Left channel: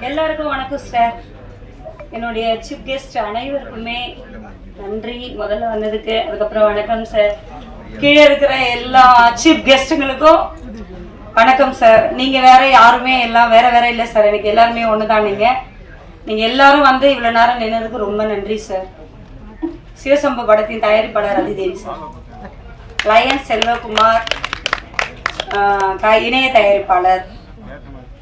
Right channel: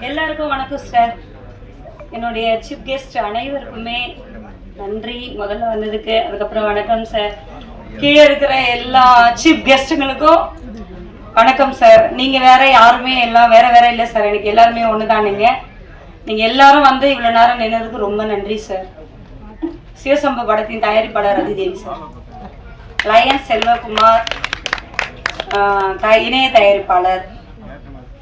எல்லாருக்கும் வணக்கம் சார் என்னுடைய சீஃப் கெஸ்ட் அனைவருக்குமே நன்றி. முதல்ல வந்ததுக்கு அதுக்கப்புறம் வணக்கம் சார் கீழே இருக்கிற எல்லா சீஃப் கெஸ்ட்டுங்களுக்கும் வணக்கம் சார் நீங்கள் வேற யாருமே எல்லாம் வேற வேற இல்லை சார் எனக்கு எல்லாருமே ஒன்று தான் நீங்கள் நீங்கள் எல்லாரும் வந்து இவ்வளோ நேரம் நின்னதுக்கு ரொம்ப நன்றி சார் சிவசம்ப படத்தின் தயாரிப்பாளர் அதிதேவி சார் லயன் செல்வகுமார் த- இணைய தயாரிப்பாளர்.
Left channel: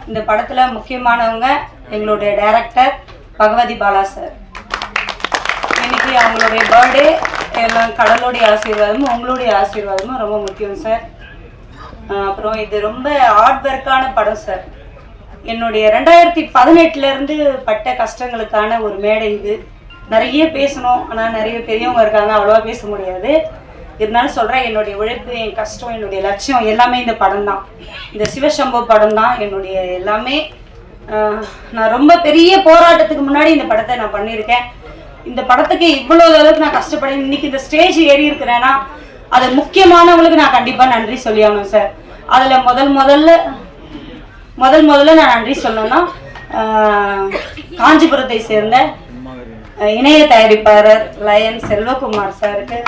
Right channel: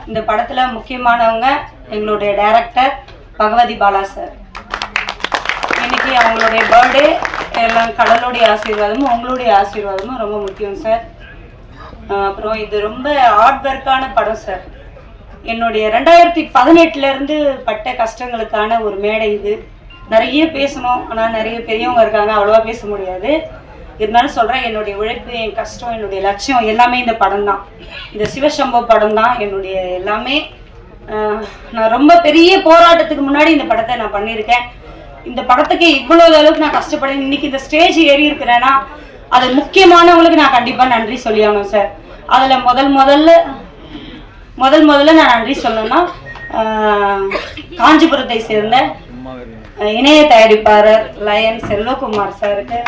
இந்த படத்தில் முக்கியமானவங்க எங்களுடைய டைரக்டர் பகவதி பாலா சார் இன்னைக்கு அவங்களுடைய பர்த்டே எல்லாம் கடலுடைய ஆசீர்வாதமும் உங்களுடைய ஆசீர்வாதமும் ரொம்ப முக்கியம் சார் அப்புறம் இது ரொம்ப ஹார்ட் ஒர்க்கான படம் சார் என்னுடைய ரெண்டாயிரத்தி பதினெட்டுல இருந்து பட்ட கஷ்டங்களுக்கான ஒரு மேடை இது. நிறைய பேசணும் ஆனால் நிறைய பெரியவங்க இருக்காங்க அவ்வளோவா பேச முடியாது. இருந்தாலும் சொல்கிறேன் என்னுடைய உழைப்பு என் கஷ்டம் என்னுடைய லட்சியம் எல்லாமே இந்த படம் தான். இந்த சிவசம்பவ படம் தான் என்னுடைய எல்லாமே. நான் ரொம்ப பெரிய போராட்டத்துக்கு முன்னாடி இந்த படத்தை நான் பண்ணியிருக்கேன். இந்த படத்துக்கு இவ்வளோ அளவுக்கு நான் கஷ்டப்படுறேன் இன்னைக்கு இந்த ஸ்டேஜ் ஏறி இருக்கிறேன்னா அது முக்கியமானவங்களுக்கு நான் கண்டிப்பாக நன்றி சொல்லியானோம் சார். அதில் முதல் முதல்ல முதல் முதல்ல நான் நன்றி சொல்லணும்னா காஞ்சிபுரத்தை சேர்ந்த இணைய தயாரிப்பாளர் லயன் செல்வகுமார் சாருக்கு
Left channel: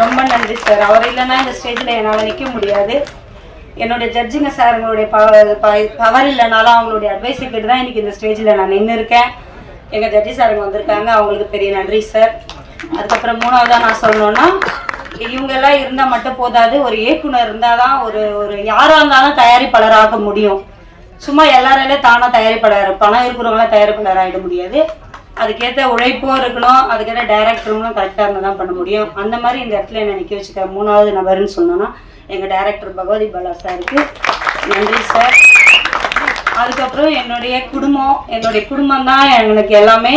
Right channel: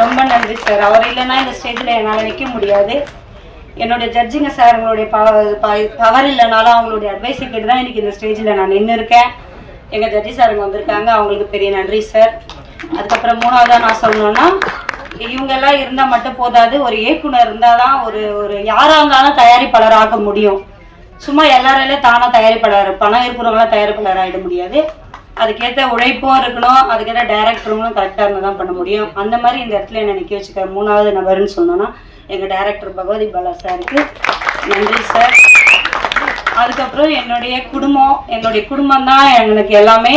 ரொம்ப நன்றி சார். அவர் இல்லைன்னா இந்த ஸ்டேஜில் என்னால் நிற்க முடியாது. என்னுடைய ஜட்ஜிங்க சார் அவங்களுடைய பவர் இல்லைனாலும் அவங்களுடைய அட்வைஸை கேட்டு தான் இன்னைக்கு இந்த ஸ்டேஜில் நான் நின்று இருக்கேன் எங்கள் ஜட்ஜி சாருங்க வந்திருக்காங்க. அவங்களுக்கு பெரிய நன்றி சார். அதுக்கப்புறம் மூணாவதாக நான் சொல்லணும்னா இவங்கெல்லாம் இருந்தால் மட்டும் போதாது. ஒரு இயக்குனர் இருந்தால் தான் ஒரு ஒரு யாராக இருந்தாலும் தயாரிப்பாளராக ஆக முடியும். சும்மா எல்லாரையிலே தானாக தயாரிப்பாளர் பணம் இருக்கிறவங்களாம் தயாரிப்பாளர் ஆகிட முடியாது. அதுக்கேற்ற உழைப்பும் இருக்கணும் அதுக்கேற்ற டைரக்டருங்களும் கரெக்டாக இருந்தால் தான் பண்ண முடியும். அந்த மாதிரி இந்த இடத்துல என்னை நிற்க வச்சுக்கிற மூணாவது நபர்னு சொன்னோன்னா எங்கள் டைரக்டர் பகவதி பாலா சாருக்கு நன்றி சார் அதுக்கப்புறம் என்னுடைய குடும்பம் என்னுடைய குடும்பம் தான் எனக்கு எல்லாமே.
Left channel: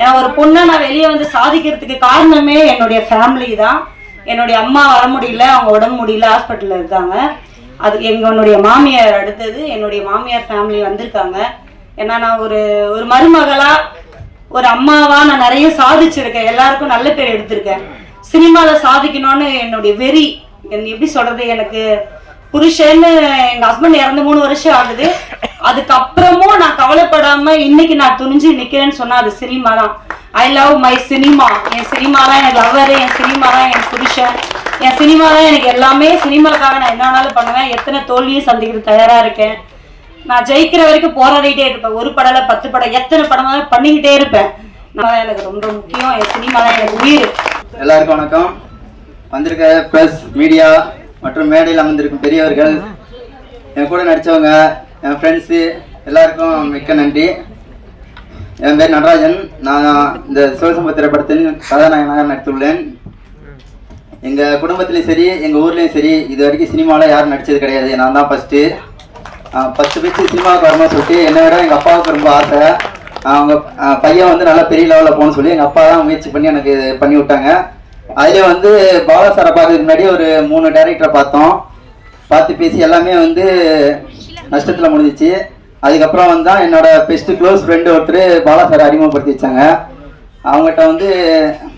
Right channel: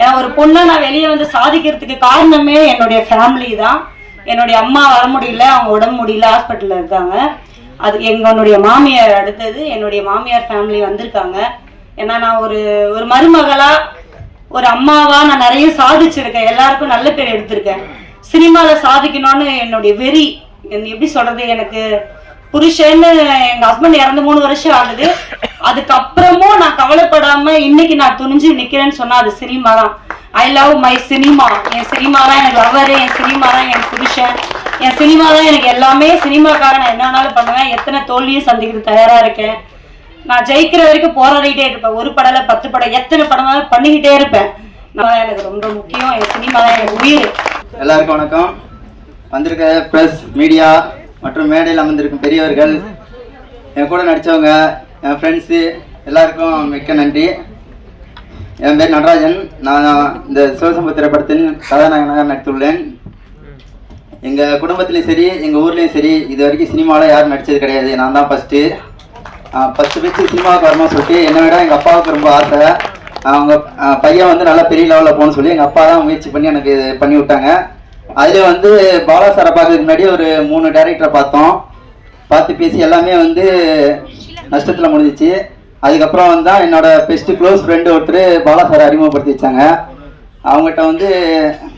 ஏன்னா ஒரு பொண்ணை நான் வெளியே வந்து சாதிக்கிறதுக்கு காரணமே என்னுடைய ஃபேமிலி தான். என்னுடைய அம்மா வர முடியல அவங்க உடம்பு முடியல ஹாஸ்பிட்டலில் இருக்காங்க. அது எங்களுடைய மாமியார் அடுத்தது என்னுடைய மாமியார் ஃபேமிலி வந்திருக்காங்க. ஏன்னா நான் ஒரு ஒரு மருமகளாக ஒரு அம்மாவா நான் நிறைய சாதிச்சிருக்கேன். எல்லாருக்கும் நல்ல பேர் எடுத்திருக்கேன். சினிமாவில் சாதிக்கணும்னு என்னுடைய வெறி எப்படி சொல்றது எனக்கு புருஷன்னு எங்க ஹஸ்பண்ட் இறந்து மூணு வருஷம் ஆகுது. அதுக்கப்புறமும் நான் கவலைப்படாம இன்னைக்கு நான் துணிஞ்சு நிக்கிறேன்னு சொன்னா அது சினிமா தான் ஐ லவ் மை சினிமா என் சினிமா தான் என் லவர் என் சினிமா தான் என் புருஷன். என் சினிமா தான் எனக்கு எல்லாமே. சினிமாக்காக நான் என்ன வேணாலும் பண்ணுவேன். எத்தனை தோல்வியும் சந்திக்கிறது தயாரா இருக்கேன். நான் ஜெயிக்கிற வரைக்கும் போராடிட்டே இருப்பேன். ஒரு படல பத்து படம் எத்தனை படமாவது பண்ணிக்கிட்டே இருப்பேன். நான் எனக்கு ரொம்ப முக்கியம். என் சினிமா தான் எனக்கு உயிர். எல்லாருக்கும் வணக்கம். வந்திருக்க ப்ரெஸ் மீடியா மற்றும் மேடையில் அமர்ந்திருக்கும் பெரியவர்கள் என் கூட நடித்தவங்க என் ஃப்ரெண்ட்ஸு எல்லாருக்கும் மிக்க நன்றி. என் பேர் நடராஜன். நான் இந்த சிவசம்பு திரைப்படத்தில் கதாநாயகனாக நடித்துள்ளேன். எங்கள் குடும்பத்துலேயும் சரி எங்கள் ஊர்லேயும் சரி இது வரைக்கும் சினிமாவில் யாரும் நடித்தது கிடையாது. நான் தான் ஃபஸ்ட்டு ஃபஸ்ட்டு ஃபஸ்ட்டு சினிமாவுக்கு வரணும்னு சொல்லிட்டு என்னை விட எங்கள் அப்பாவுக்கு ரொம்ப ஆசை. அவங்க பையன் வந்து நல்லா பெரிய லெவலில் போகணும்னு சொல்லி எங்கள் அப்பா தான் முயற்சி பண்ணி எனக்கு பண்ணி விட்டாங்க. அதில் வந்து பாலா சாரை பார்க்கறதுக்கு முன்னாடி ஒரு மூணு டேரக்டரை பார்த்தோம். பார்த்து பேசி எல்லாமே வந்து நஷ்டத்தில் முடிஞ்சிச்சு. அதுக்கப்புறம் வந்து தான் என்னோட பெஸ்ட்டு க்ளோஸ் ஃப்ரெண்டு ஒருத்தர் பாலா சாரை அறிமுகப்படுத்தி வச்சாங்க. அவங்ககிட்ட வந்து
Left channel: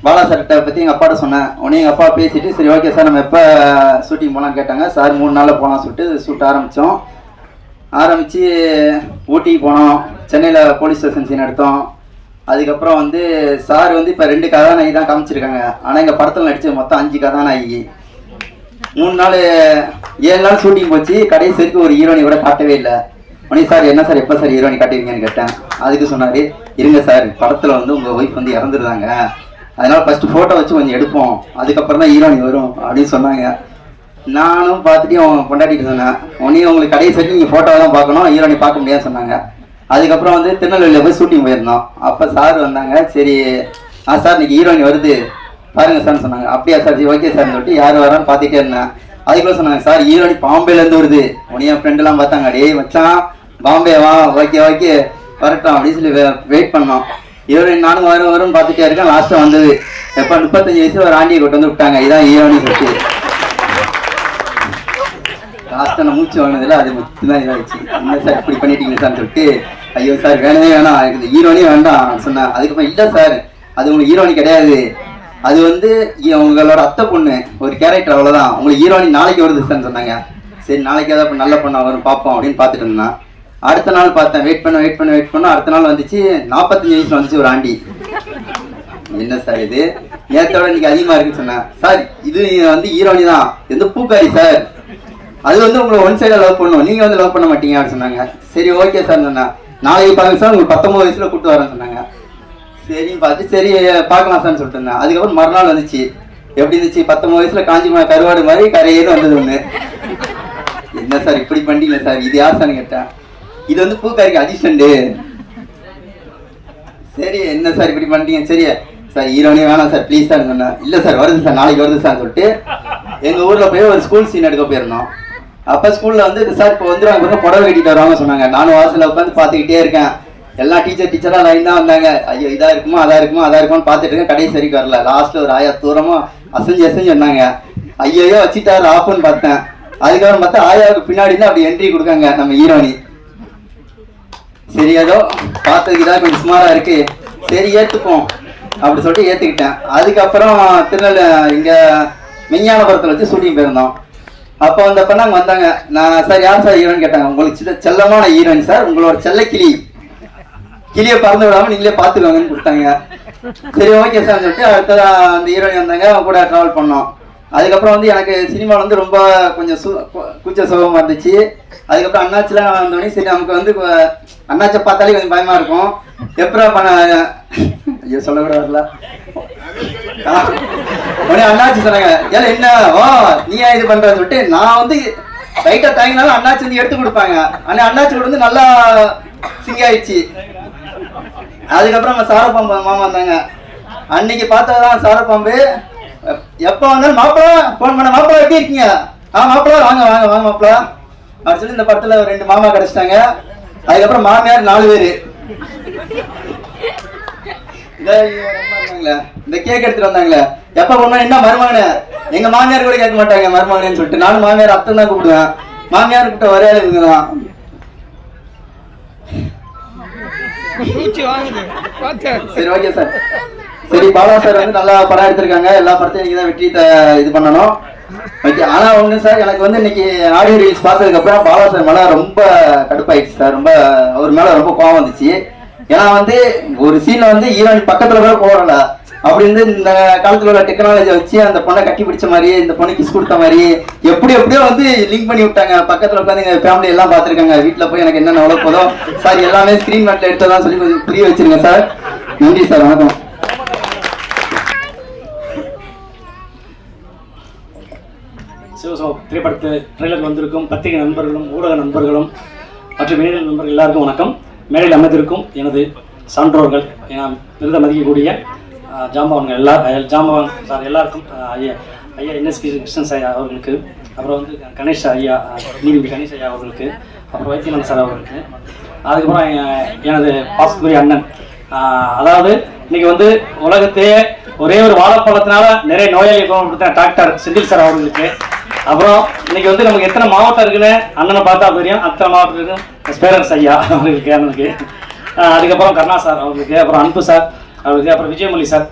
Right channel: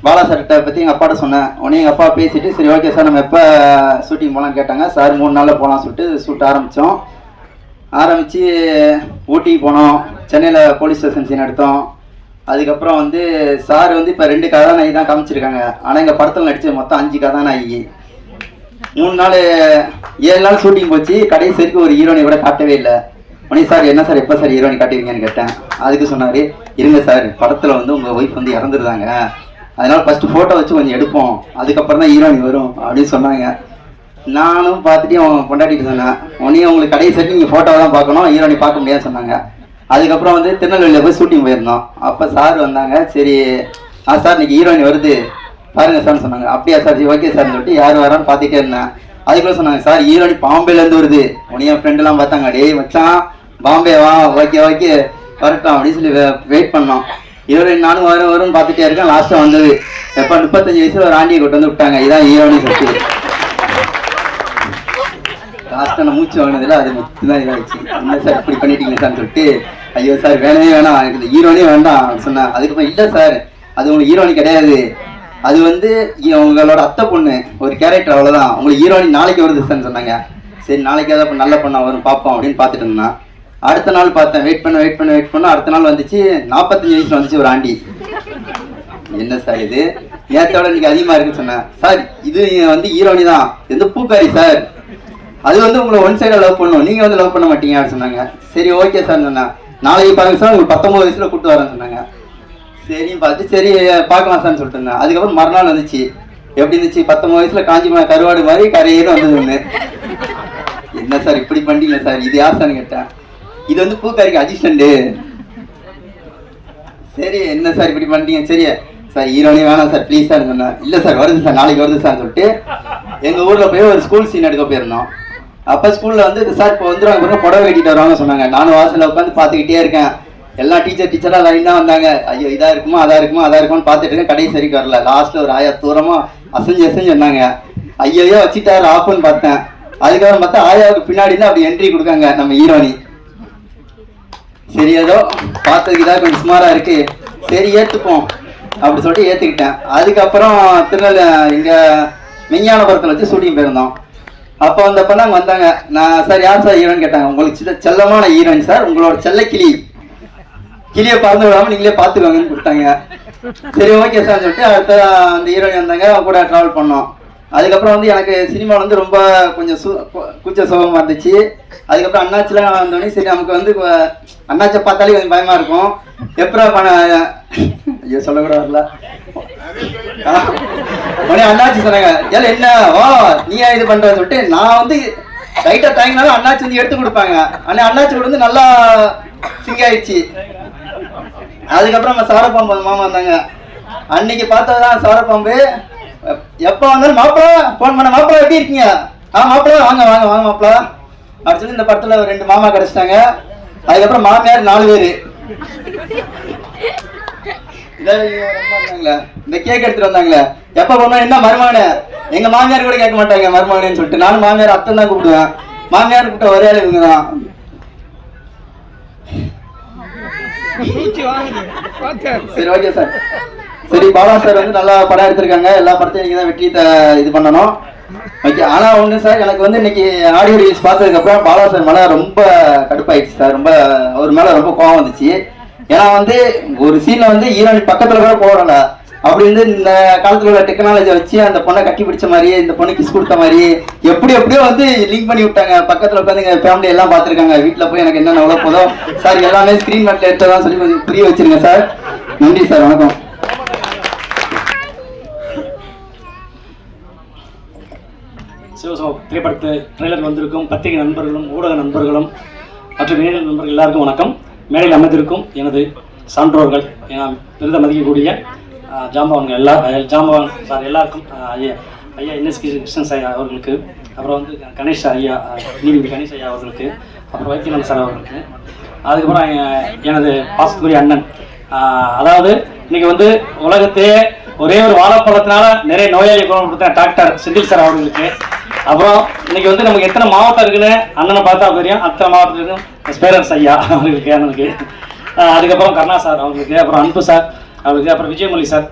பாலா சார்கிட்ட பற்றி எங்கள் அப்பாட்ட சொன்னேன். உடனே எங்கள் அப்பா பேசிட்டு சரி ஓகே சார் நம்ம எப்போ ஷூட்டிங் போகலான்னு கேட்டாங்க. சார் மூணு நாளில் போகலாம் சொல்லிட்டு ஷூட் ஆரம்பித்தோம் ஆரம்பித்து ஊட்டிக்கு போனோம். சென்னையில் போலீஸ் ஸ்டேஷன் சீன் எடுத்தோம். அதுக்கப்புறம் வந்து சார் வந்து இப்போ ரெண்டு கதாநாயகி தான் காமிச்சிருக்காங்க. ஆனால் எங்கள் படத்தில் நடித்தது மொத்தம் அஞ்சு கதாநாயகி. மூணு நாள் ஏழு நாள் ஷூட்டிங் போச்சு. கடைசி வரைக்கும் ஒரு ஹீரோனை கூட காட்டவே இல்லை. மணி சார் என்ன சார்? எப்போ சார் ஹீரோனி காட்டுவீங்கன்னு கேட்டேன். அதுக்கு சொன்னார் இருங்க சார் படத்தில் வந்து உங்கள் ஒய்ஃப் வந்து இறந்துருந்தாங்க அதனால் ஃபஸ்ட்டு ஃபோட்டோ வச்சு கொஞ்சம் எடுப்போம். அதுக்கப்புறம் தான் ஹீரோனி வரும். அப்படின்னு சொன்னாங்க. நானும் பார்த்துட்டு அவன் கொண்டாடிட்டு சொன்னேன் உடனே உங்களுக்கு கடைசி வரைக்கும் நீங்கள் ஃபோட்டோ தான் பார்க்கணும் ஹீரோனி பார்க்க முடியாதுன்னு சொன்னாங்க. அதுக்கப்புறம் வந்து திருநெல்வேலியில் போய் ஷூட்டிங் போயிருந்தோம். அப்போ சார் வந்தாங்க சரி ஆ சார் இன்னைக்கு ஹீரோயின் வருது. பாருங்க சார்னு சொன்னாங்க. அப்படியா சார் சரி ஓகே சார்னு சொல்லிட்டு யார் வரான்னு பார்த்துட்டே இருந்தேன். அதுக்குள்ளே சொன்னாங்க சார் ஹீரோயின் பாம்பேலேருந்து வருது. உடனே என் ஃப்ரெண்டெல்லாம் பார்த்தாங்க. டேய் வச்சான் பாம்பே வா ஓகே ஓகே வரட்டும் அப்படின்னு சொல்லி வெயிட் பண்ணோம். ஹீரோயின் நானும் வரும் வரும்னு பார்த்துட்டே இருக்கேன். லாஸ்ட்டாக வந்தது. எப்போ? முப்பத்தஞ்சு வயசில் ஒரு ஆண்டியை கொண்டு வந்து விட்டாங்க. இதான் ஹீரோயின் கட்டு லாஸ்ட்டாக நான் மூச்சு வாங்கினதுல அது மட்டும் தான் இதாகிடுச்சு என்ன சார் இப்படி பண்ணிட்டீங்க சார் சொல்லிட்டு ஐயோ சார் வேணவே வேணாம். எனக்கு இந்த ஹீரோனே வேண்டாம் சொன்னேன். அதுக்கப்புறம் இல்லை சார். அது உங்களுக்கு ஹீரோனி கிடையாது. அது வந்து உங்களோட அத்தை பொண்ணு ஒரு கேரக்டர் அவ்வளோதான் உங்களுக்கு ஹீரோனி நாளைக்கு வருது சார்னு சொன்னாங்க. சரி நாளைக்கு ஏதாவது நல்ல பண்ண வரும் பார்ப்போம் அப்படின்னு பார்த்துட்டு இருந்தேன். அடுத்த நாள் பார்த்தேன். வெயிட் பண்ண வெயிட் பண்ண வெயிட் பண்ண. அடுத்த நாள் வந்துச்சு நாற்பத்தஞ்சு வயசுல வந்துச்சு ஒரு ஆண்டி. என்ன சார் இது? நேரத்தோட இன்னைக்கு அதிகமா இருக்குன்னு சொன்னேன். சார் இது வந்து ஹீரோனி தான். இது பூக்காரி சார். அது வந்து உங்களை ஒன் சைடில் லவ் பண்ணும். நீங்கள் வந்து லவ் பண்ண மாட்டீங்க அப்படின்னு சொன்னாங்க. சரி ஓகே சார் சொன்னேன் நாளைக்கு பாருங்க சார் உங்களுக்கு பத்தொம்போது வயசில் கூப்பிட்டு வரேன்னு சொன்னாங்க. சரின்னு பார்த்து சரி பார்க்கலாம் சார்னு சொல்லிட்டு இருந்தேன். அதுக்கப்புறம் மறுநாள் வந்துச்சு. எப்படி இருந்துச்சு? பத்தொன்பது வயசில் காஞ்சிபுரம் கருவாடு மாதிரி கரையேன்னு வந்தது ஒன்று என்ன சார் இப்படி பண்ணிட்டீங்களா சார் இது யார் சார்னு கேட்டேன். இது வந்து பூக்காரிக்கு அடிஷன்டு சரி என்ன சார் இப்படி பண்ணிட்டீங்க சரி சார் ஈரோனே வேணாம் சார் ப்ளீஸ் சார் சொன்னேன் இல்லை சார் வருது சார் நாளைக்கு வருது சார் சொல்லிட்டு எங்கள் ஊரில் போய் ஒரு ஸ்கூல் சீன் எடுக்க போயிருந்தோம். அப்போ ஸ்கூலில் வந்து சார் இப்போ வந்துடுவாங்க பாருங்க, புடவை கட்டிட்டு வருவாங்க சொன்னாங்க. நானும் வாசலில் உட்காந்து பார்த்துக்கிட்டே இருக்கேன். எல்லா டீச்சர் டீச்சராக லைன் தான் வந்தாங்க. ஐயோ இதா இருக்குமா அதா இருக்குமா அதா இருக்கும்னு பார்த்துட்டு இருக்கேன். கடைசி வரைக்கும் வரல. லாஸ்ட்டில் ஒரு ஆயா தூரமாக அசைஞ்சு அசைஞ்சு சொன்னாங்க ஐயோ வச்சுட்டாரு ஆப்புன்னு பார்த்தேன். அதுக்கப்புறம் பார்த்தா ஆயாவுக்கு பின்னாடி தான் அப்படி என்ட்ரி கொடுக்காங்க நம்ம ஹீரோனி சரி ஏதோ பார்த்ததுக்கு கொஞ்சம் சுமாரா இருக்கு. சரி ஏத்துப்போம் அப்படி சொல்லிட்டு ஏத்துக்கிட்டேன். அதுக்கப்புறம் திருநெல் இங்க மெஞ்ஞானபுரத்தில் வச்சு ஷூட்டிங் போயிருந்தோம். அப்போ வந்தப்ப நாங்கள் வந்தாங்க. நான் சார் யார் சார் ஈரன் கேட்டாங்க. உங்களுக்கு சில செல்லமான ஈரன் சார். உங்களோட செல்ல கிளி. கிளியை பறந்து விடாம நீங்களே பார்த்துக்கோங்கன்னு கொடுத்தாங்க. சரி ஓகே சார் சொல்லிட்டு அடுத்த அந்த ஹீரோயின் வந்தாங்க. அவங்க கூட ட்ராவல் பண்ணோம். அதுக்கப்புறம் வந்து எனக்கு சினிமாவில் வந்து ரொம்ப கொஞ்சம் சு கூச்ச சுகமாக இருந்துச்சு. அதுக்கப்புறம் அண்ணாச்சிலாம் வந்தோடனே சரி நமக்கு வந்து கொ- அண்ணாச்சை பார்த்தாலே கொஞ்சம் பயமாக இருக்கும். எப்படா பண்ண ஐயோ சொல்லக்கூடாதுல உடனே அண்ணாச்சி சொன்னாங்க ஏன் என்ன? ஓ நீ ஏன் இது பண்றன்னு சொல்லிட்டு நான் வந்து லைட்டாக தாங்கினாலும் அண்ணாச்சி வந்து எடுத்து கொடுப்பாங்க. ஆனால் அண்ணாச்சி வந்து நல்லா சிங்காயிடுச்சு அதுக்கப்புறம் நம்ம சாரப்பாம்பு மாமா வந்தாங்க. அன்னைக்கு பார்த்ததான் சாரப்பாம்பு. எப்போ வந்தாலும் மாப்பிள ஃபோன் பண்ண. மாப்பிள எப்படி இருக்கீங்க? ஆ மாப்பிள வாங்க வாங்க வாங்க மாப்பிள. அப்படி சொல்லி இந்த படத்துல ரெண்டு மாமா கிடைச்சிட்டாங்க. அதுக்கப்புறம் மாமியார் நாலு பேரு. இந்த கேக் எடுத்துட்டு வந்தாங்களே. எப்ப போனா என்ன மருமகனு? எங்க மாமியார் கூட கேட்க மாட்டாங்க மருமகனு சொல்லிட்டு. நானும் மாமியார் அத்தை தான் கூப்பிடுவேன். மாமியார் கூப்பிட்ட ஒரே ஆள் இவங்க தான். சரி ஓகே சார் சரி பாலா சார் வந்து நல்லா படம் எடுத்திருக்காங்க. எல்லா படத்தையும் நீங்க தான் வெற்றி இது பண்ணணும். ஓகே ஆனா ஒண்ணு சார் எனக்கு வந்து இன்னைக்கு ஆடியோ ரிலீஸ் பார்த்ததுக்கு அப்புறம் பாலா சார் மேல ரொம்ப கடுப்பாயிடுச்சு சார். ரொம்ப அவர் மேல ரொம்ப கோவம் வந்துச்சு. ஏன்னா வந்து ஒரு சீனை வந்து ஈரான் பக்கத்துல கூட போறல அப்படி இருந்து இந்த காலத்துல உள்ள டெக்னாலஜியை வச்சு அந்த பொண்ணை கட்டி பிடிச்ச மாதிரி இந்த பொண்ணு கிஸ் கொடுத்த மாதிரி எப்படி எப்படியோ வந்து லிங்க் பண்ணி விட்டாங்க. பக்கத்துல உட்காந்து எங்க ஃபேமிலி எல்லாம் பார்த்துருக்காங்க. வீட்டுல போய் எனக்கு என்னென்ன எவ்வளவு சார் எல்லாமே ஸ்கிரீன் மேட்ல எடுத்ததான் சொல்லி கொஞ்சம் புரிய வச்சிருங்க சார். நன்றி சார் வணக்கம். சிவசம திரைப்படத்து ட்ரெய்லர் வந்திருக்கும் பத்திரிகை நண்பர்களும் ஊடக நண்பர்களும் மற்றும் இணைய நண்பர்கள் எல்லாருக்கும் வணக்கம். மேடையில் அமைந்திருக்கும் எனது சான்றோர்கள் என விருத மதிக்கக்கூடிய அஹ், ஜாம்பவான்கள் எல்லா அஹ், ஜாம்பவான் சார் எல்லாருக்கும் ஐயா ஐயா என்எஸ் கிருஷ்ணன் சார் அவர்களுக்கு அப்புறம் வந்து கணேஷ் ஐயா நீதிபதி கணேஷ் ஐயா அவர்களுக்கு அப்புறம் வைத்தியநாதன் சார் அவர்களுக்கு அதுக்கப்புறம் எனது பாசத்துக்குரிய அண்ணன். அதாவது இன்னைக்கு வந்து உலகத்தையே ஒரே ஒரு வாழைப்பழத்தினால நிறைய நோயாளி கொடுத்த டாக்டர் செந்தில் சார் அவர்களுக்கு அப்புறம் இன்னைக்கு வந்து நமக்கு எத்தனை மாவட்டம் இருக்குன்னு அண்ணனை பார்த்தா தெரியும் அத்தனை மாவட்டத்துக்கு ஸ்பேரன்ஸ் ஐயா அவங்களுக்கு அண்ணனுக்கு அதுக்கப்புறம் கருணா சார் அவங்களுக்கு அப்புறம் அன்பு சார் அவங்களுக்கு அப்புறம் விஜயமொழி சார்.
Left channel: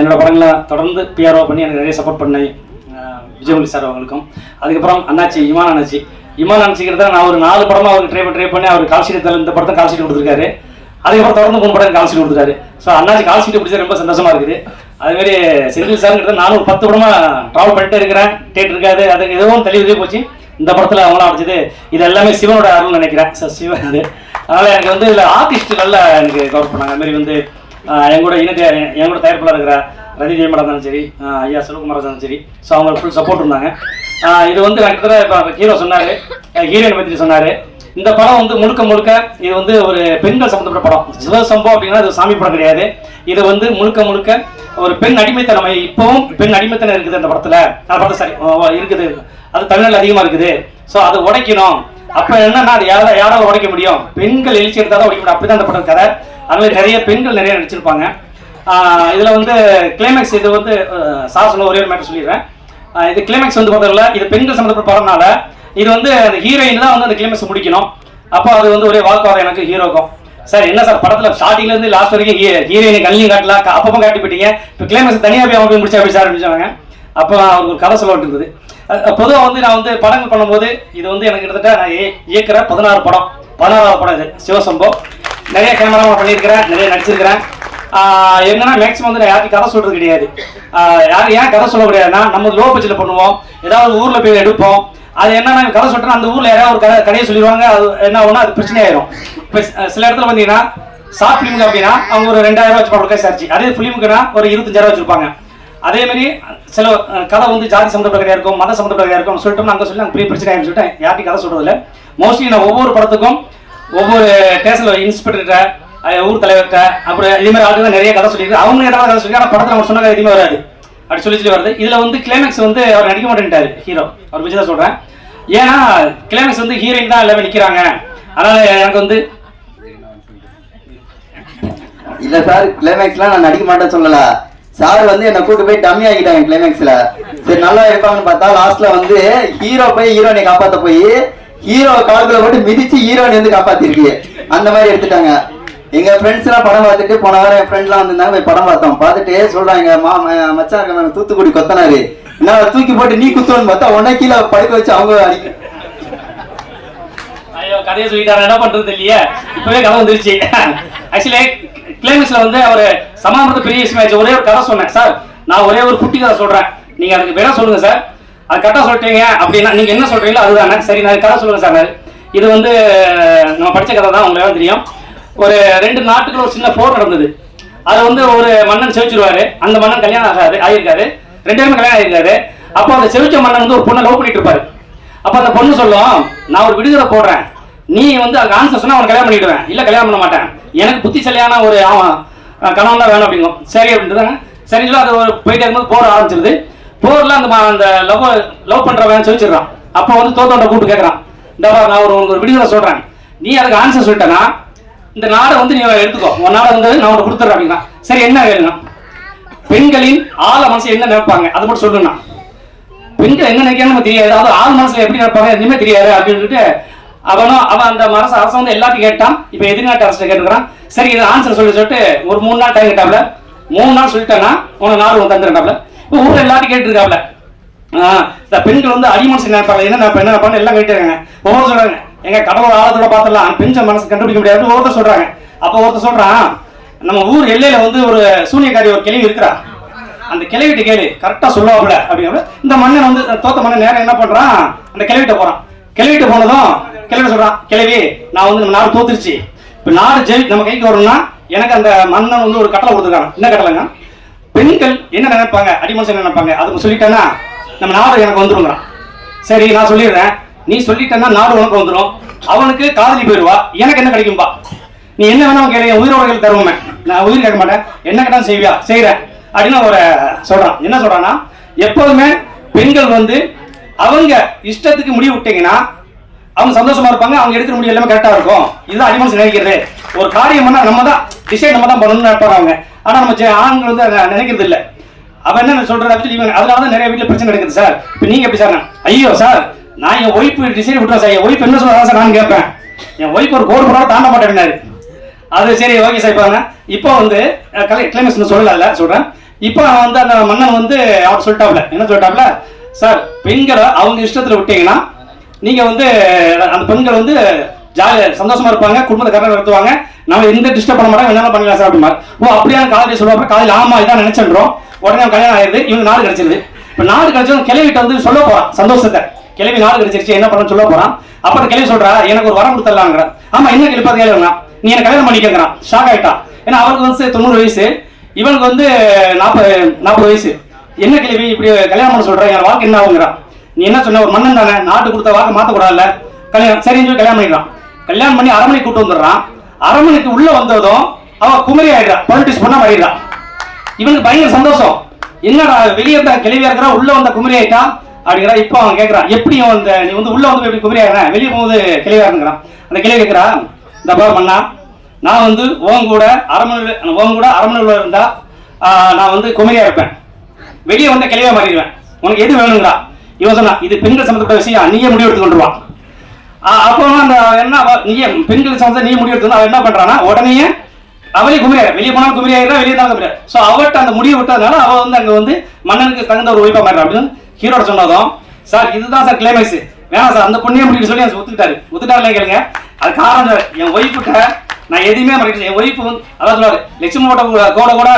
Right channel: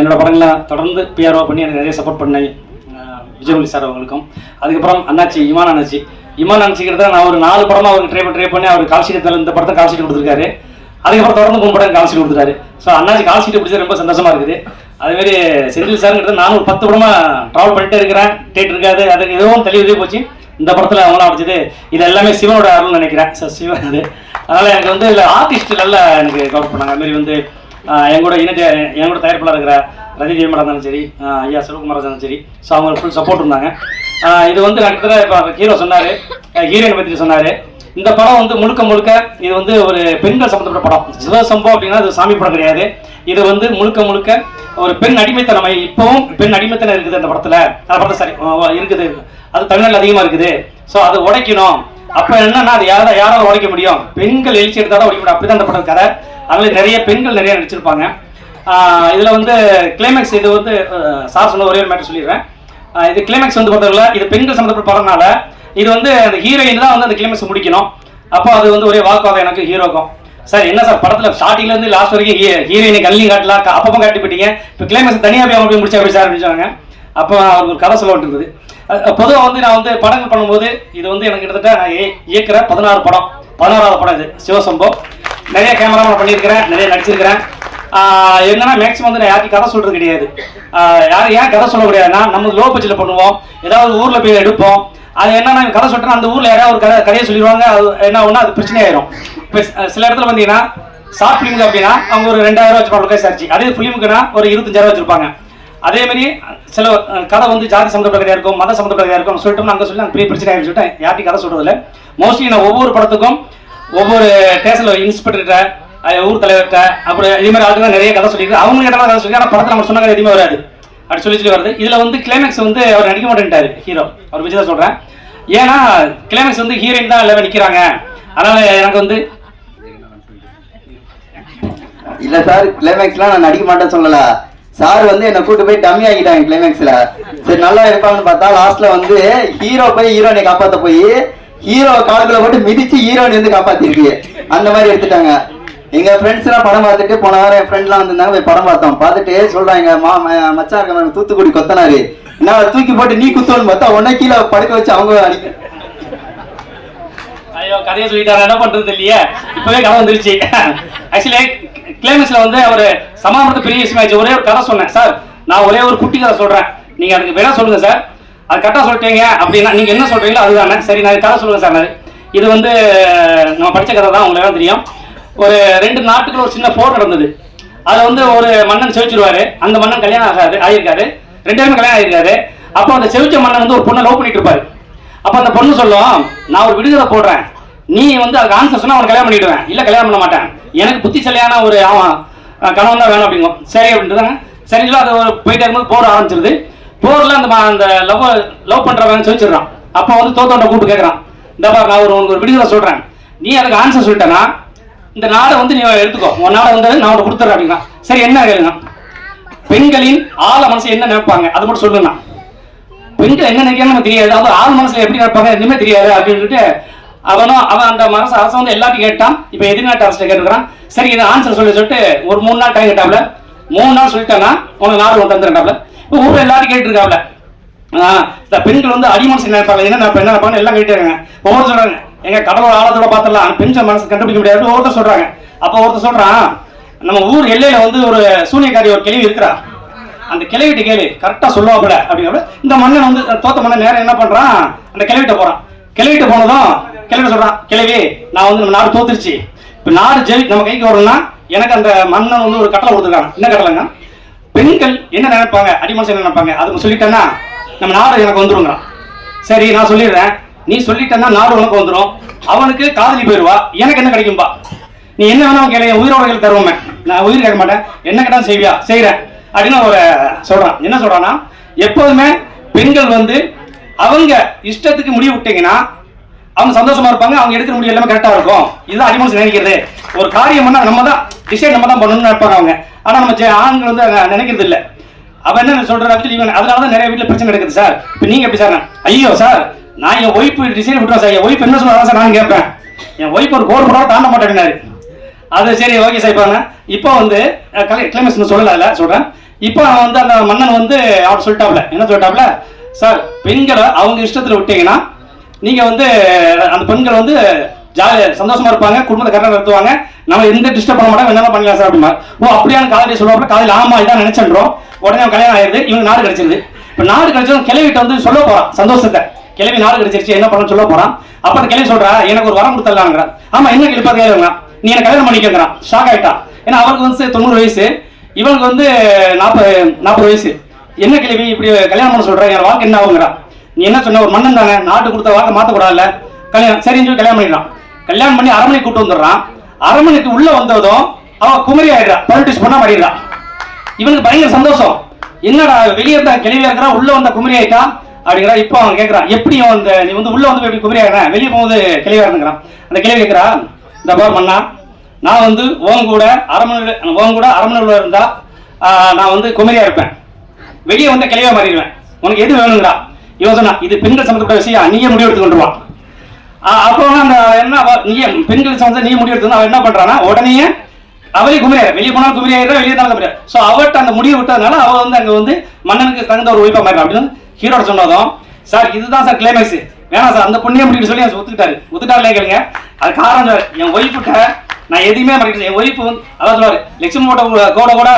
என்னோட படங்கள்லாம் தொடர்ந்து பிஆர்ஓ பண்ணி எனக்கு நிறைய சப்போர்ட் பண்ணி விஜயமொழி சார் அவங்களுக்கும். அதுக்கப்புறம் அண்ணாச்சி இமான் அண்ணாச்சி. இமான் அண்ணாச்சிக்கிறத நான் ஒரு நாலு படமாக அவருக்கு ட்ரை ட்ரை பண்ணி அவர் கால்ஷீட் இந்த படத்தை கால்ஷீட் கொடுத்துருக்காரு. அதுக்கப்புறம் தொடர்ந்து மூணு படம் கால்ஷீட் கொடுத்துருக்காரு. ஸோ அண்ணாச்சி கால்ஷீட் பிடிச்சது ரொம்ப சந்தோஷமாக இருக்குது. அதுமாரி மாதிரி செந்தில் கிட்ட நானும் ஒரு பத்து படமா ட்ராவல் பண்ணிட்டே இருக்கிறேன். டேட் இருக்காது. அது எதுவும் தெளிவுதே போச்சு. இந்த படத்துல அவங்களாம் அடிச்சது இது எல்லாமே சிவனோட அருள்னு நினைக்கிறேன். சார் சிவன் அது. அதனால எனக்கு வந்து இதுல ஆர்டிஸ்ட் நல்லா எனக்கு கவர் பண்ணாங்க. அதுமாரி வந்து ஆஹ் என் கூட இணைய என் கூட தயாரிப்பாளர் இருக்கிற ரவி ஜெயமலா இருந்தாலும் சரி ஐயா செல்வகுமார் இருந்தாலும் சரி ஸோ அவங்க ஃபுல் சப்போர்ட் இருந்தாங்க. இது வந்து கிட்டத்தட்ட இப்போ ஹீரோ சொன்னார். ஹீரோயின் பற்றி சொன்னார். இந்த படம் வந்து முழுக்க முழுக்க இது வந்து ஒரு பெண்கள் சம்பந்தப்பட்ட படம். சிவசம்பவம் அப்படின்னா இது சாமி படம் கிடையாது. இது வந்து முழுக்க முழுக்க ஒரு பெண் அடிமைத்தனம். இப்பவும் பெண் அடிமைத்தனம் இருக்குது அந்த படத்துல. அந்த படம் சரி இருக்குது. அது தமிழ்நாடு அதிகமா இருக்குது. ஸோ அதை உடைக்கணும். அப்ப என்னன்னா அது யாரா யாராவது உடைக்க முடியும்? பெண்கள் எழுச்சி எடுத்தாதான் உடைக்க முடியும். அப்படிதான் அந்த படம் கதை. அதனால நிறைய பெண்கள் நிறைய நடிச்சிருப்பாங்க. இதில் இதுல வந்து கிளைமேக்ஸ் இது வந்து சார் சொன்ன ஒரே மேட்டர் சொல்லிடுறேன். இது கிளைமேக்ஸ் வந்து பார்த்ததுல இது பெண்கள் சம்மந்தப்பட்ட படம்னால இது வந்து அந்த ஹீரோயின் தான் வந்து அந்த கிளைமேக்ஸ் முடிக்கணும். அப்போ அது வந்து ஒரே வாக்குவாதம் எனக்கு ஹீரோக்கும் சார் என்ன சார் படத்தில் ஸ்டார்டிங்ல இருந்து லாஸ்ட் வரைக்கும் ஹீரோயினை கல்லையும் காட்டல அப்பப்போ காட்டி போயிட்டீங்க இப்போ கிளைமேக்ஸ் தனியாக போய் அவங்க போய் முடிச்சா அப்படி சார் அப்படின்னு அப்போ அவருக்கு ஒரு கதை சொல்ல இருக்குது பொதுவாக வந்து நான் வந்து படங்கள் பண்ணும்போது இது வந்து எனக்கு கிட்டத்தட்ட நான் ஏ- பதினாறு படம். பதினாறாவது படம் இது. சிவசம்போ. நிறைய கேமரா பண்ணியிருக்கிறேன் நிறைய நடிச்சிருக்கிறேன். என்னன்னா மேக்ஸிமம் வந்து நான் யாருக்கும் கதை சொல்றது கிடையாது. யாரும் யார் ஏன் கதை சொல்ல முடியாதுன்னா நம்ம லோ பட்ஜெட்ல பண்ணுவோம். ஏதாவது ஊர்ல போய் எடுப்போம். அது என்னன்னா கதை சொல்றேன் அந்த ஊர்ல யாராவது ஒரு கதை கதையை சொல்லிடுவாங்க. அது என்ன ஒன்று அது பிரச்சனை ஆயிரும் இப்போ சில இடத்துல வந்தீங்கன்னா ஷார்ட் ஃபிலிம் அப்படின்னா அவங்க ஒரு ரெண்டாயிரம் ரூபாய் வச்சுப்பாங்க சார்ஜ். அதே ஃபிலிமுக்குனா ஒரு இருபத்தஞ்சாயிரம் வச்சிருப்பாங்க. அதே மாதிரி சில கதை வந்து ஜாதி சம்மந்தப்பட்டதாக இருக்கும் மத சம்மந்தப்பட்டதாக இருக்கும். சொல்லிட்டு அங்கே சொல்லி நாங்கள் பெரிய பிரச்சனை ஆகிடும் சொல்லிட்டு யார்ட்டையும் கதை சொல்றது மோஸ்ட்லி நான் ஒவ்வொரு படத்துக்கும் ஒவ்வொரு ஸ்டேஷனில் இன்ஸ்பெக்டர்கிட்ட ஊர் தலைவர்கிட்ட அப்புறம் இதே மாதிரி ஆளுங்க நிறைய கதை சொல்லியிருக்காரு அவங்க ஏதாவது கதை சொல்லி ஆனால் படத்தில் அவங்க சொன்ன கதை எதுவுமே வராது. அப்படி சொல்லி சொல்லி வருது இதில் வந்து கிளைமேக்ஸ் வந்து அவர் நடிக்க மாட்டேன்ட்டாரு ஹீரோ அவர் விஜய் தான் சொல்கிறேன் ஏன்னா கிளைமேக்ஸ் வந்து ஹீரோயின் தான் எல்லாரும் நிற்கிறாங்க அதனால் எனக்கு வந்து இல்லை சார் கிளைமேக்ஸ்லாம் நான் நடிக்க மாட்டேன்னு சொல்லலை. சார் வந்து என்ன கூட்டு போய் டம்மி ஆகிட்டாங்க கிளைமேக்ஸ்ல சரி நல்லா இருப்பாங்கன்னு பார்த்தா லாஸ்ட்ல வந்து ஹீரோ போய் ஹீரோனை காப்பாத்த போய் ஹீரோ கால்குள்ள போட்டு மிதிச்சு ஹீரோனை வந்து காப்பாத்திருக்கு. அந்த மாதிரி எடுத்துட்டாங்க. எங்க ஃப்ரெண்ட்ஸ் எல்லாம் படம் பார்த்துட்டு போன வாரம் என் ஃப்ரெண்ட்லாம் வந்திருந்தாங்க போய் படம் பார்த்தோம். பார்த்துட்டு சொல்றாங்க மா ம- மச்சான் தூத்துக்குடி கொத்தனாரு. நான் தூக்கி போட்டு நீ குத்தோன்னு பார்த்தா உடனே கீழே படுக்க வச்சு அவங்க அடிக்க ஐயோ கதையை சொல்லிட்டாரு? என்ன பண்றது இல்லையே இப்பவே கதை வந்துருச்சு. ஆக்சுவலி கிளைமேக்ஸ்ல வந்து அவர் சமாதானத்து பெரிய மேட்ச் ஒரே ஒரு கதை சொன்னேன். சார் நான் ஒரே ஒரு குட்டி கதை சொல்றேன். நீங்க அதுக்கு வேணா சொல்லுங்க சார். அது கரெக்டாக சொல்லிட்டீங்க அப்படின்னா நீங்க என்ன சொல்றீங்களோ அதுதானே. சரி நான் கதை சொல்லுங்க சார். இது வந்து நம்ம படிச்ச கதை தான். உங்களுக்கு தெரியும். ஒரு ரெண்டு நாட்டுக்குள்ள ஒரு சின்ன போர் நடந்தது. அதை வந்து ஒரு மன்னன் செவிச்சிருவாரு. அந்த மன்னன் கல்யாணம் ஆகாது ஆயிருக்காரு ரெண்டு பேரும் கல்யாணம் ஆயிருக்காரு அப்போ அந்த செவிச்ச மன்னன் வந்து ஒரு பொண்ணை லவ் பண்ணிட்டு இருப்பாரு. அப்போ அந்த பொண்ணு சொல்லும் நான் ஒரு விடுதலை போடுறேன். நீ வந்து அதுக்கு ஆன்சர் சொன்னால் அவன் கல்யாணம் பண்ணிடுவேன். இல்லை கல்யாணம் பண்ண மாட்டேன். எனக்கு புத்திசாலியான ஒரு அவன் கணவன் தான் வேணும் அப்படிங்கும். சரி அப்படின்ட்டு சரிங்களா அது ஒரு போயிட்டே இருக்கும்போது போர் ஆரம்பிச்சிருது. போரில் அந்த அந்த லவ் லவ் பண்ணுறவன் சொல்லிச்சிடுறான் அப்போ வந்து தோத்தோட்ட கூப்பிட்டு கேட்குறான் இந்த நான் ஒரு உனக்கு ஒரு விடுதலை சொல்கிறேன் நீ அதுக்கு ஆன்சர் சொல்லிட்டேன்னா இந்த நாடை வந்து நீ எடுத்துக்கோ. உன் நாடை வந்து நான் உனக்கு கொடுத்துறேன் அப்படின்னா. சரி என்ன வேணும் பெண்களின் ஆழ மனசு என்ன நினைப்பாங்க? அது மட்டும் சொல்லுண்ணா. பெண்கள் என்ன நினைக்கிறாங்க நமக்கு தெரியாது. அது ஆள் மனசுல எப்படி நினைப்பாங்க? எதுவுமே தெரியாது அப்படின்னு சொல்லிட்டு அவன் அந்த மனசு அரசு வந்து எல்லாத்தையும் கேட்டான். இப்போ எதிர்நாட்டு அரசு கேட்டுக்கிறான் சரி இது ஆன்சர் சொல்லி சொல்லிட்டு ஒரு மூணு நாள் டைம் கேட்டாப்ல மூணு நாள் சொல்லிட்டானா உனக்கு நாள் ஒன்று தந்துட்டாப்ல இப்போ ஊரில் எல்லாத்தையும் கேட்டுருக்காப்ல இந்த பெண்கள் வந்து அடிமனசு நினைப்பாங்க. என்ன நினைப்பாங்க என்ன நினைப்பாங்க எல்லாம் கேட்டுருக்காங்க ஒவ்வொரு சொல்றாங்க. எங்க கடலோட ஆழத்தோட பார்த்துடலாம். பெண்கள் மனசு கண்டுபிடிக்க முடியாது. ஒருத்தர் சொல்றாங்க. அப்போ ஒருத்தர் சொல்றான் நம்ம ஊர் எல்லையில வந்து ஒரு சூனியக்காரி ஒரு கேள்வி இருக்கிறா. அந்த கிளவிட்ட கேளு கரெக்டா சொல்லுவாப்புல அப்படிங்கிற இந்த மண்ணன் வந்து தோத்த மண்ணன் நேரம் என்ன பண்றான்? அந்த கிளவிட்ட போறான். கிளவிட்ட போனதும் கிளவி சொல்றான் கிளவி நான் வந்து நம்ம நாடு தோத்துருச்சு. இப்ப நாடு ஜெயி நம்ம கைக்கு வரணும்னா எனக்கு அந்த மன்னன் வந்து ஒரு கட்டளை கொடுத்துருக்காங்க. என்ன கட்டளைங்க பெண்கள் என்ன நினைப்பாங்க? அடிமனசு என்ன நினைப்பாங்க? அதுக்கு சொல்லிட்டேன்னா நம்ம நாடு எனக்கு வந்துருங்க சரி நான் சொல்லிடுறேன். நீ சொல்லிட்டேன்னா நாடு உனக்கு வந்துடும் அவனுக்கு காதலி போயிருவா. எனக்கு என்ன கிடைக்கும்பா? நீ என்ன வேணாலும் கேளு என் உயிரோட தருவோமே. நான் உயிர் கேட்க மாட்டேன். என்ன கேட்டாலும் செய்வியா? செய்கிறேன் அப்படின்னு ஒரு சொல்றான். என்ன சொல்றான்னா எப்போதுமே பெண்கள் வந்து அவங்க இஷ்டத்துக்கு முடிவு விட்டீங்கன்னா அவங்க சந்தோஷமா இருப்பாங்க. அவங்க எடுக்கிற முடிவு எல்லாமே கரெக்டா இருக்கும். இதுதான் அடிமனசு நினைக்கிறது. ஒரு காரியம் பண்ணா நம்ம தான் டிசைட் நம்ம தான் பண்ணணும்னு நினைப்பாங்க அவங்க. ஆனா நம்ம ஆண்கள் வந்து நினைக்கிறது இல்லை. அவன் என்ன சொல்கிறாரு இவன் அதனால தான் நிறைய வீட்டுல பிரச்சனை நடக்குது சார். இப்போ நீங்க எப்படி சார்? ஐயோ சார். நான் என் ஒய்ஃப் டிசைன் விட்டுறேன் சார் என் ஒய்ஃப் என்ன சொல்றா சார் நான் கேட்பேன் என் ஒய்ஃப் ஒரு கோடு போட தாண்ட மாட்டேன்னாரு அது சரி ஓகே சார் இப்போ இப்போ வந்து கலை கிளைமேக்ஸ் சொல்லல சொல்கிறேன் இப்போ அவன் வந்து அந்த மன்னன் வந்து அவர் சொல்லிட்டாப்ல. என்ன சொல்லிட்டாப்ல? சார் பெண்களை அவங்க இஷ்டத்தில் விட்டீங்கன்னா நீங்கள் வந்து அந்த பெண்கள் வந்து ஜாலியாக சந்தோஷமா இருப்பாங்க குடும்பத்தை கரெக்டாக நடத்துவாங்க. நம்ம எந்த டிஸ்டர்ப் பண்ண மாட்டாங்க என்ன பண்ணலாம் சார் அப்படிமா ஓ அப்படியே காதலி சொல்லுவாங்க காலையில் ஆமா இதான் நினைச்சிடுறோம் உடனே கல்யாணம் ஆயிடுது இவங்க நாடு கிடைச்சிருது. இப்போ நாடு கிடைச்சதும் கிளவிட்ட வந்து சொல்ல போகிறான் சந்தோஷத்தை. கிளவி நாடு கிடைச்சிருச்சு என்ன பண்ண சொல்ல போறான். அப்ப அந்த கிளவி சொல்றா எனக்கு ஒரு வரம் கொடுத்துடலாங்கிறான் ஆமா என்ன கிளப்பா கேளுங்க நீ என்ன கல்யாணம் பண்ணிக்கிறான் ஷாக் ஆயிட்டா? ஏன்னா அவருக்கு வந்து தொண்ணூறு வயசு. இவனுக்கு வந்து நாற்பது நாற்பது வயசு. என்ன கிளவி இப்படி கல்யாணம் பண்ண சொல்ற? என் வாக்கு என்ன ஆகுங்கிறான் நீ என்ன சொன்ன? ஒரு மன்னன் தானே. நாட்டு கொடுத்த வாக்கு மாத்தக்கூடாதுல்ல. கல்யாணம் சரின்னு சொல்லி கல்யாணம் பண்ணிடுறான் கல்யாணம் பண்ணி அரண்மனை கூட்டு வந்துடுறான். அரண்மனைக்கு உள்ள வந்ததும் அவன் குமரி ஆயிடுறா. பொலிட்டிக்ஸ் பண்ண மாறிடுறான் இவனுக்கு பயங்கர சந்தோஷம். என்னடா வெளியே இருந்தா கிளவியா இருக்கிறா? உள்ள வந்த குமரி ஆயிட்டா? அப்படிங்கிறா. இப்போ அவன் கேட்கறான் எப்படி அந்த நீ வந்து உள்ள வந்து எப்படி குமரி ஆகிறேன் வெளியே போகும்போது கிளவியா இருந்துக்கிறான் அந்த கிளை கேட்கறா இந்த பார் மண்ணா நான் வந்து உன் கூட அரண்மனை உன் கூட அரண்மனையில் இருந்தா ஆஹ், நான் வந்து குமரியா இருப்பேன். வெளியே வந்த கிளவியா மாறிடுவேன். உனக்கு எது வேணுங்களா இவன் சொன்னா இது பெண்கள் சம்மந்தப்பட்ட விஷயம் நீயே முடிவு எடுத்து ஆஹ் அப்போ அந்த என்ன நீ பெண்கள் சம்மந்த நீ முடிவு எடுத்து அவன் என்ன பண்றானா உடனே அவளே குமரியாயிரம் வெளியே போனாலும் குமரியாயிரம் வெளியே தான் குமரியா ஸோ அவட்ட அந்த முடிவு விட்டதுனால அவ வந்து அங்க வந்து மன்னனுக்கு தகுந்த ஒரு ஒய்ஃபா மாறிடும் அப்படின்னு ஹீரோட சொன்னதும் சார் இதுதான் சார் கிளைமேக்ஸ் வேணாம் சார் அந்த பொண்ணையும் அப்படின்னு சொல்லி ஒத்துக்கிட்டாரு. ஒத்துக்கிட்டாருலே கேளுங்க அது காரணம். என் ஒய்ஃபுட்ட நான் எதுவுமே மறைக்க என் ஒய்ஃபு வந்து அதான் சொல்லுவாரு லட்சுமி போட்ட கோட கூட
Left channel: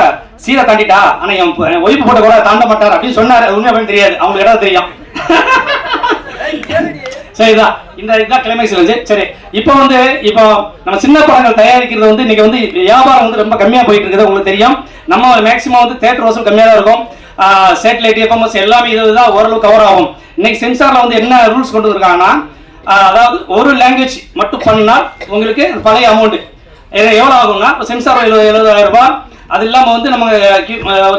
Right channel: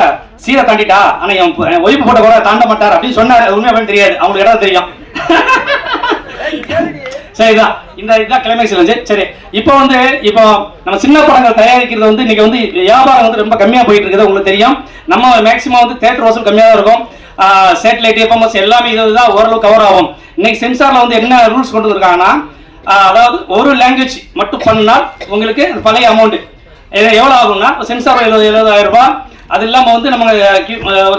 சீரை தாண்டிட்டா? ஆனா என் ஒய்ஃபு போட்ட கூட தாண்ட மாட்டார். அப்படின்னு சொன்னாரு. அது உண்மையா அப்படின்னு தெரியாது. அவங்களுக்கு இடம் தெரியும். சரி இதான் இந்த இதுதான் கிளைமேக்ஸ் இருந்துச்சு சரி. இப்போ வந்து இப்போ நம்ம சின்ன படங்கள் தயாரிக்கிறது வந்து இன்னைக்கு வந்து வியாபாரம் வந்து ரொம்ப கம்மியா போயிட்டு இருக்குது. உங்களுக்கு தெரியும். நம்ம மேக்ஸிமம் வந்து தேட்டர் வசூல் கம்மியா தான் இருக்கும். சேட்டலைட் எஃப்எம்எஸ் எல்லாமே இதுதான் ஓரளவு கவர் ஆகும். இன்னைக்கு சென்சாரில் வந்து என்ன ரூல்ஸ் கொண்டு வந்திருக்காங்கன்னா அதாவது ஒரு லாங்குவேஜ் மட்டும் பண்ணால் உங்களுக்கு பழைய அமௌண்ட் எவ்வளோ ஆகும்னா சென்சார் எழுபது எழுபதாயிரம் ரூபாய் அது இல்லாமல் வந்து நம்ம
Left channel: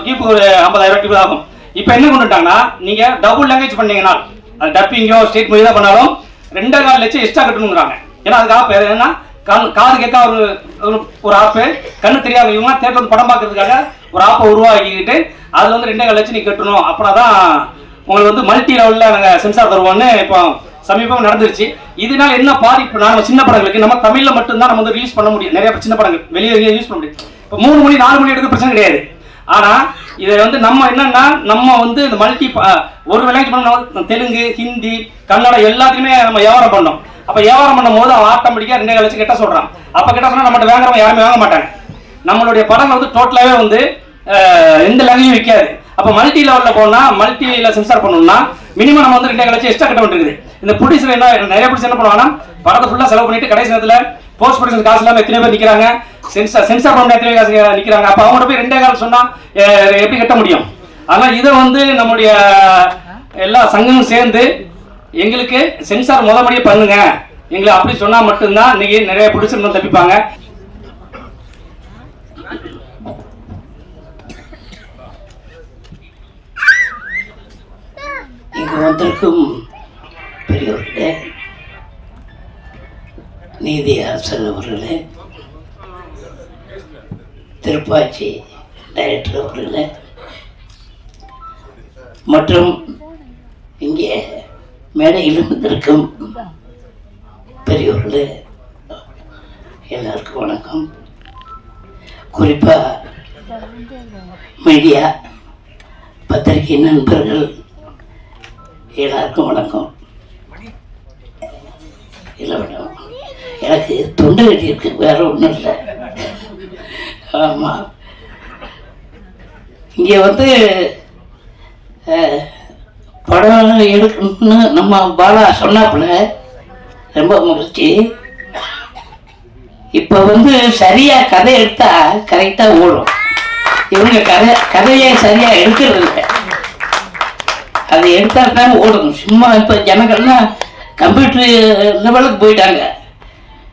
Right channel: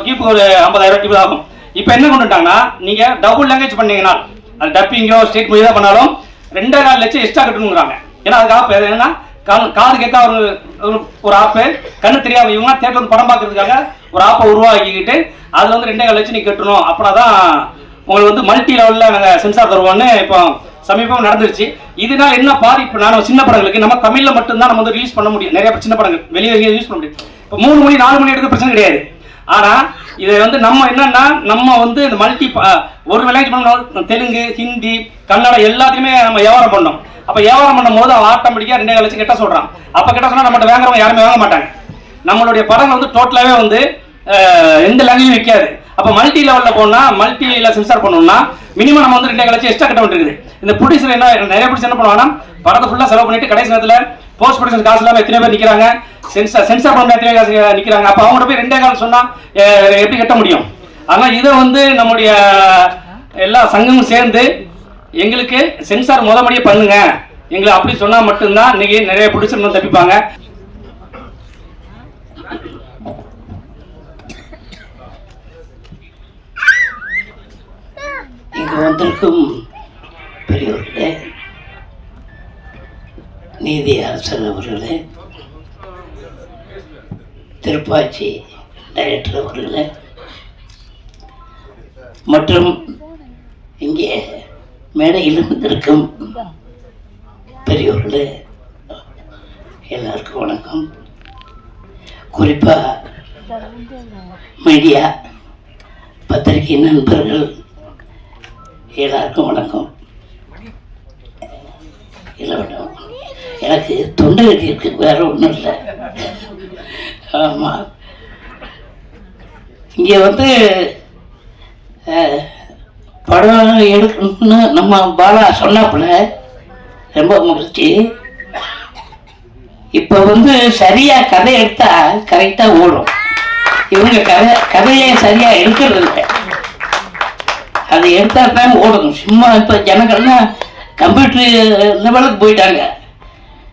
கீப்பு ஒரு ஐம்பதாயிரம் கீப்பு ஆகும். இப்போ என்ன கொண்டுட்டாங்கன்னா நீங்கள் டபுள் லாங்குவேஜ் பண்ணீங்கன்னா அது டப்பிங்கோ ஸ்டேட் மூவி தான் பண்ணாலும் ரெண்டே நாலு லட்சம் எக்ஸ்ட்ரா கட்டணுங்கிறாங்க ஏன்னா அதுக்கு ஆப் என்னன்னா கண் காது கேட்க ஒரு ஒரு- ஒரு ஆப்பு கண்ணு தெரியாத இவங்க தேட்டர் படம் பார்க்கறதுக்காக ஒரு ஆப்பை உருவாக்கிக்கிட்டு அதில் வந்து ரெண்டே கால் லட்சம் நீ கட்டணும். அப்புறம் தான் உங்களுக்கு வந்து மல்டி லெவலில் நாங்கள் சென்சார் தருவோம்னு இப்போ சமீபம் நடந்துருச்சு. இதனால என்ன பாதிப்பு நான் சின்ன படங்களுக்கு நம்ம தமிழில் மட்டும்தான் நம்ம வந்து ரிலீஸ் பண்ண முடியும். நிறைய சின்ன படங்கள் வெளியே வெளியே யூஸ் பண்ண முடியும். இப்போ மூணு மணி நாலு மணி எடுக்க பிரச்சனை கிடையாது. ஆனால் இதை வந்து நம்ம என்னன்னா நம்ம வந்து இந்த மல்டி ஒரு லாங்குவேஜ் பண்ணோம் தெலுங்கு ஹிந்தி கன்னடம் எல்லாத்தையுமே நம்ம வியாபாரம் பண்ணோம். அப்போ வியாபாரம் பண்ணும் போது அவன் ஆட்டோமேட்டிக்கா ரெண்டே லட்சம் கிட்ட சொல்கிறான் அப்போ கிட்ட சொன்னால் நம்மகிட்ட வாங்குறவங்க யாருமே வாங்க மாட்டாங்க. நம்மளுடைய படம் வந்து டோட்டலாகவே வந்து எந்த லாங்குவேஜும் வைக்காது. அப்போ மல்டி லெவலில் போனால் மல்டியில் சென்சார் பண்ணணும்னா மினிமம் நம்ம வந்து ரெண்டே லட்சம் எக்ஸ்ட்ரா கட்ட வேண்டியிருக்குது இந்த ப்ரொடியூசர் என்ன நிறைய ப்ரொடியூசர் என்ன பண்ணுவாங்கன்னா படத்தை ஃபுல்லாக செலவு பண்ணிட்டு கடைசி நேரத்தில் போஸ்ட் ப்ரொடக்ஷன் காசு இல்லாமல் எத்தனை பேர் நிற்கிறாங்க சென்சார் சென்சார் பண்ண எத்தனை காசு நிற்கிறாங்க அப்போ அவங்கள்ட்ட போய் ரெண்டே கால் சொன்னால் எப்படி கட்ட முடியும்? ஆனால் இதை வந்து நம்முடைய எல்லா சங்கமும் சேர்ந்து எங்களுக்கு சென்சார் முதல் முறையே பண்ணுங்க. எங்களை அப்படி சொன்னால் மட்டும்தான் இன்னைக்கு நிறைய ப்ரொடியூசர் வந்து தப்பிப்பாங்க இங்கு வந்திருக்கும் பெரியவர்களே நீதி அவர்களே திருப்பாச்சி டைரக்டர் அவர்களே மற்றும் இங்கே மேடையில் இருந்திருக்கும் பெரியவர்களே எல்லாருக்கும் வணக்கம். குறிப்பாக மீடியா பத்திரிகை நண்பர்கள் எல்லாருக்கும் வணக்கம். இல்லை மேடம் எனக்கு தொண்டை கட்டி இருக்கு வேற ஒன்றும் இல்லை. ஆமாம் இங்கே வந்து படம் எடுக்கணும்னு நம்ம பாலா சொன்னாப்புல ரொம்ப மகிழ்ச்சி. இப்போ வந்து சரியாக கதை எடுத்தால் கரெக்டாக ஓடும். இவங்க கதை கதையை சரியாக எடுக்கிறது இல்லை. அதை எடுத்தா தான் ஓடணும். சும்மா இப்போ ஜனங்கள்லாம் கம்ப்யூட்டர் லெவலுக்கு போயிட்டாங்க.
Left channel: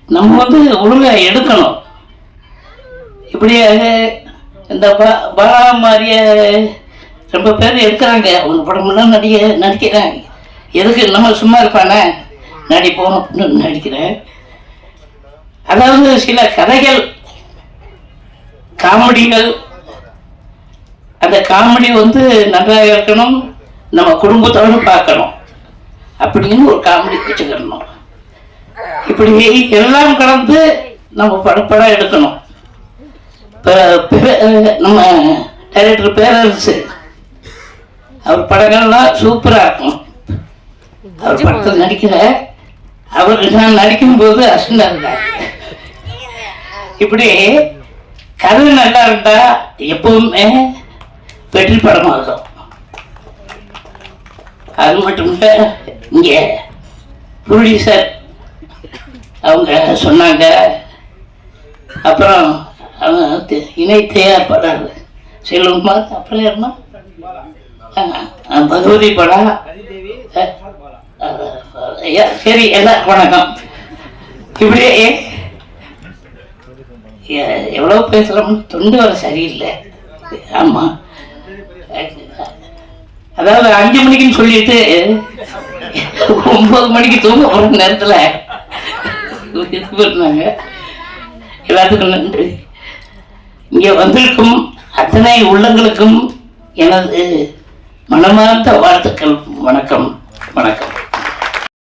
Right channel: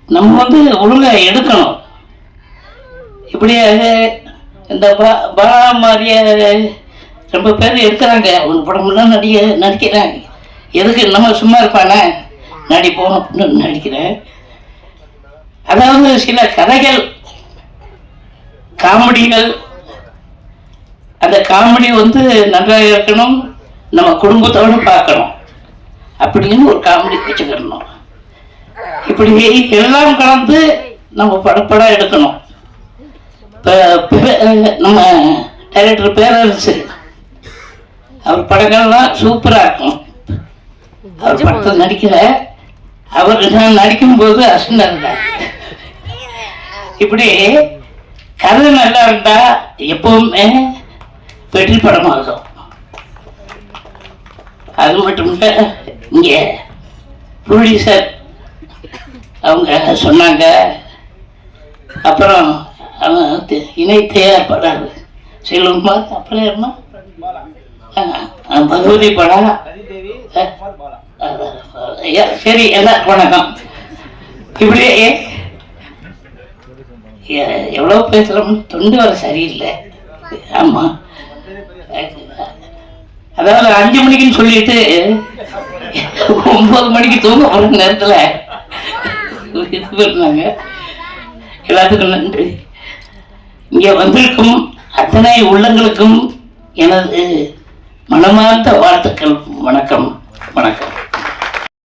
நம்ம வந்து ஒழுங்காக எடுக்கணும். இப்படி இந்த பா- பாலா மாதிரிய ரொம்ப பேர் எடுக்கிறாங்க. அவங்க படம்லாம் நடிக நடிக்கிறாங்க. எதுக்கு? நம்ம சும்மா இருப்பானே? நடிப்போம் அப்படின்னு நடிக்கிறேன் அதாவது சில கதைகள் காமெடிகள் அந்த காமெடி வந்து நல்லா இருக்கணும். நம்ம குடும்பத்தோடு பார்க்கணும். அப்படின்னு ஒரு காமெடி வச்சுக்கிடணும் இப்படி எல்லாம் கலந்து நம்ம படப்படம் எடுக்கணும். நம்ம டைரக்டர் பேரரசு அவர் படங்கள்லாம் சூப்பராக இருக்கும். அவர் படத்தில் நடிக்கிற அவர் நான் நடிக்கும்போது அசந்தாங்க இப்படி கதை நல்லா இருந்தா எப்பவுமே வெற்றி படமாகும். அது மட்டும் இங்கே புலி சார் அவங்க சொன்னாங்க. அப்புறம் அவங்க தி- இணை தயாரிப்பாளர் செல்வகுமார் அப்புறம் யாருமா பகவதி படம் ஐயா, சரி எல்லாருக்கும் வணக்கம் இப்படியே எவ்வளோ பேசுகிறோம் தொண்டு வர சரியில்லை. ஆமாம் அதாவது அஞ்சு மணிக்குன்னு சொல்லிட்டு ஒன்பது மணிக்கு தூங்க போற நேரத்துல இது பண்ணாங்க? எல்லாத்துக்கும் நன்றி. இங்க வந்திருக்கும் அத்தனை உள்ளங்களுக்கும் எனது மனமார்ந்த வாழ்த்துக்கள். வணக்கம். வணக்கம்.